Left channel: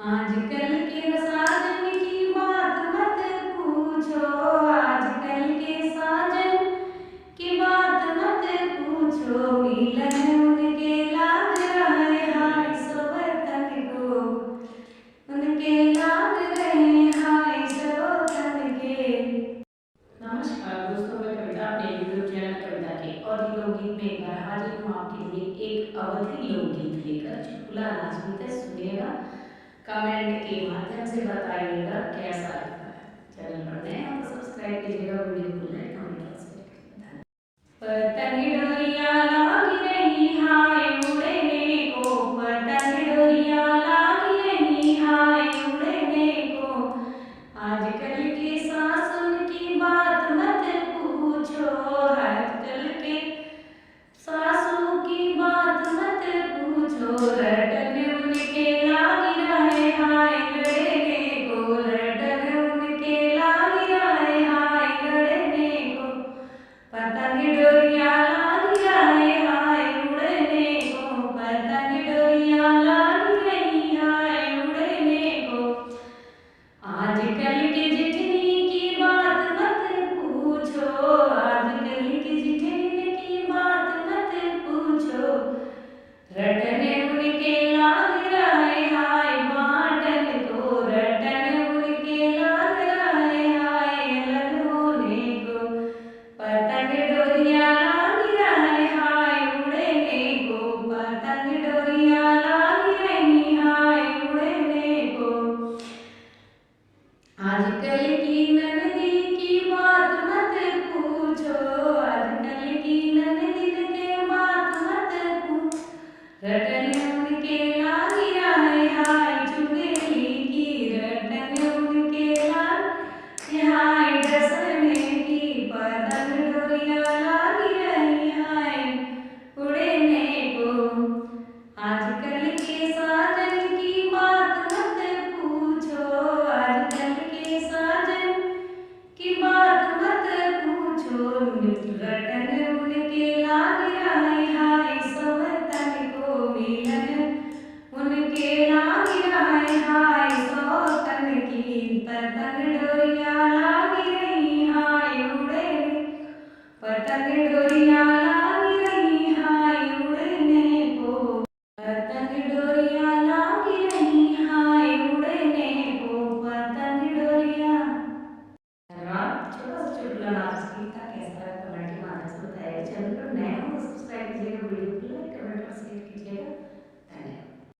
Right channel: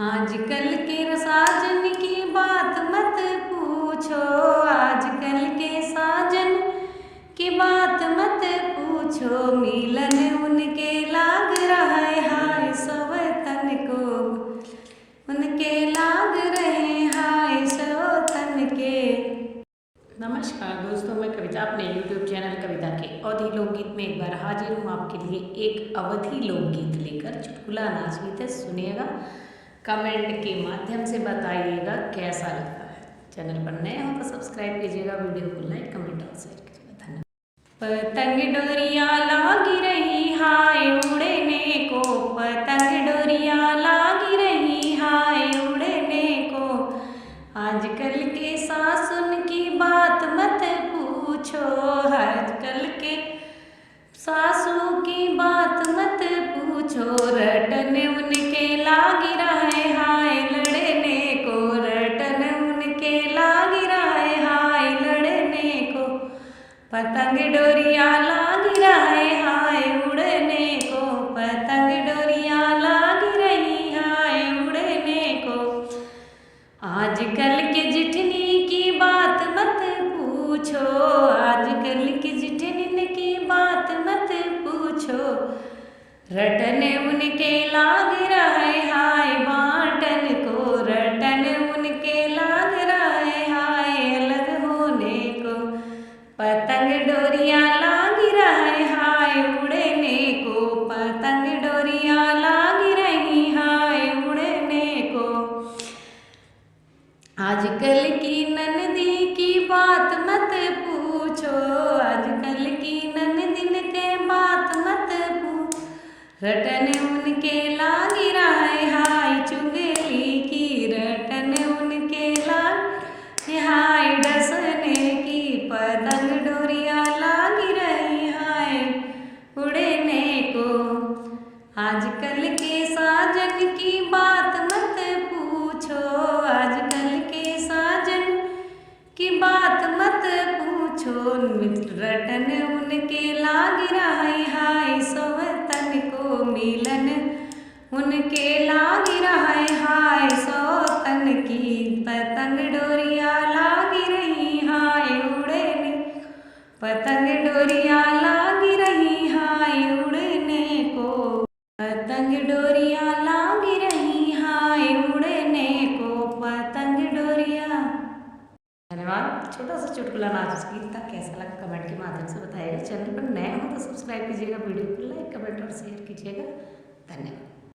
आजकल के साजन की बात मत पूछो, आजकल के साजन की बात मत पूछो, मिलन उनके लाग रहा है हाय सवतन को, उनके लाग रहे हाय सवतन के। नमस्कार दोस्तों, मैं कविता अपने यूट्यूब चैनल कविता के अवधी लोकगीत में एक बार हाजिर हूँ आपके लिए एक अवधी लोकगीत लेकर। चुटकुला नाच गीत है, सुनिएगा, कमेंट के माध्यम से बताइएगा कैसा लगता है। चैनल पर नए हो तो सब्सक्राइब कीजिएगा, वीडियो को लाइक कमेंट और शेयर कीजिएगा। धन्यवाद। पतंग डोरिया लागी रही हाय उड़ने को, पतंग डोरिया लागी रही हाय उड़ने को, आजकल के सासुन की बात मत पूछो, आजकल के सासू की बात मत पूछो, रटन उनके लागी रहे हाय लड़ने को, रटन उनके लागी रहे हाय लड़ने को, पतंग डोरिया लागी रहे हाय उड़ने को, पतंग डोरिया लागी रही हाय उड़ने को, आजकल के जिठनी की बात मत पूछो, आजकल की जिठनी की बात मत पूछो, रटन उनके लाग रहे हाय बाटन को, रटन उनके लाग रहे हाय अलग होने को, पतंग डोरिया लाग रहे हाय उड़ने को, पतंग डोरिया लाग रही हाय उड़ने को, आजकल की ननदी की बात मत पूछो, आजकल की ननदिन के बात मत पूछो, रटन उनके लागी रहे हाय चुगली की, रटन उनके लागी हाय डसने की, पतंग डोरिया लागी रही हाय उड़ने को, आजकल के साजन की बात मत पूछो, आजकल के साजन की बात मत पूछो, रटन उनके लाग रहे हाय सवतन को, मिलन उनके लाग रहे हाय सवतन की, पतंग डोरिया लाग रही हाय उड़ने, पतंग डोरिया लाग रही हाय उड़ने को, पतंग डोरिया लाग रही हाय उड़ने को, पतंग डोरिया। धन्यवाद। छोटा सा चुटकुला नाच गीत था, कैसा लगा कमेंट के माध्यम से बताइएगा। चैनल पर नए हो तो सब्सक्राइब कीजिएगा, वीडियो को लाइक कमेंट और शेयर कीजिएगा। धन्यवाद।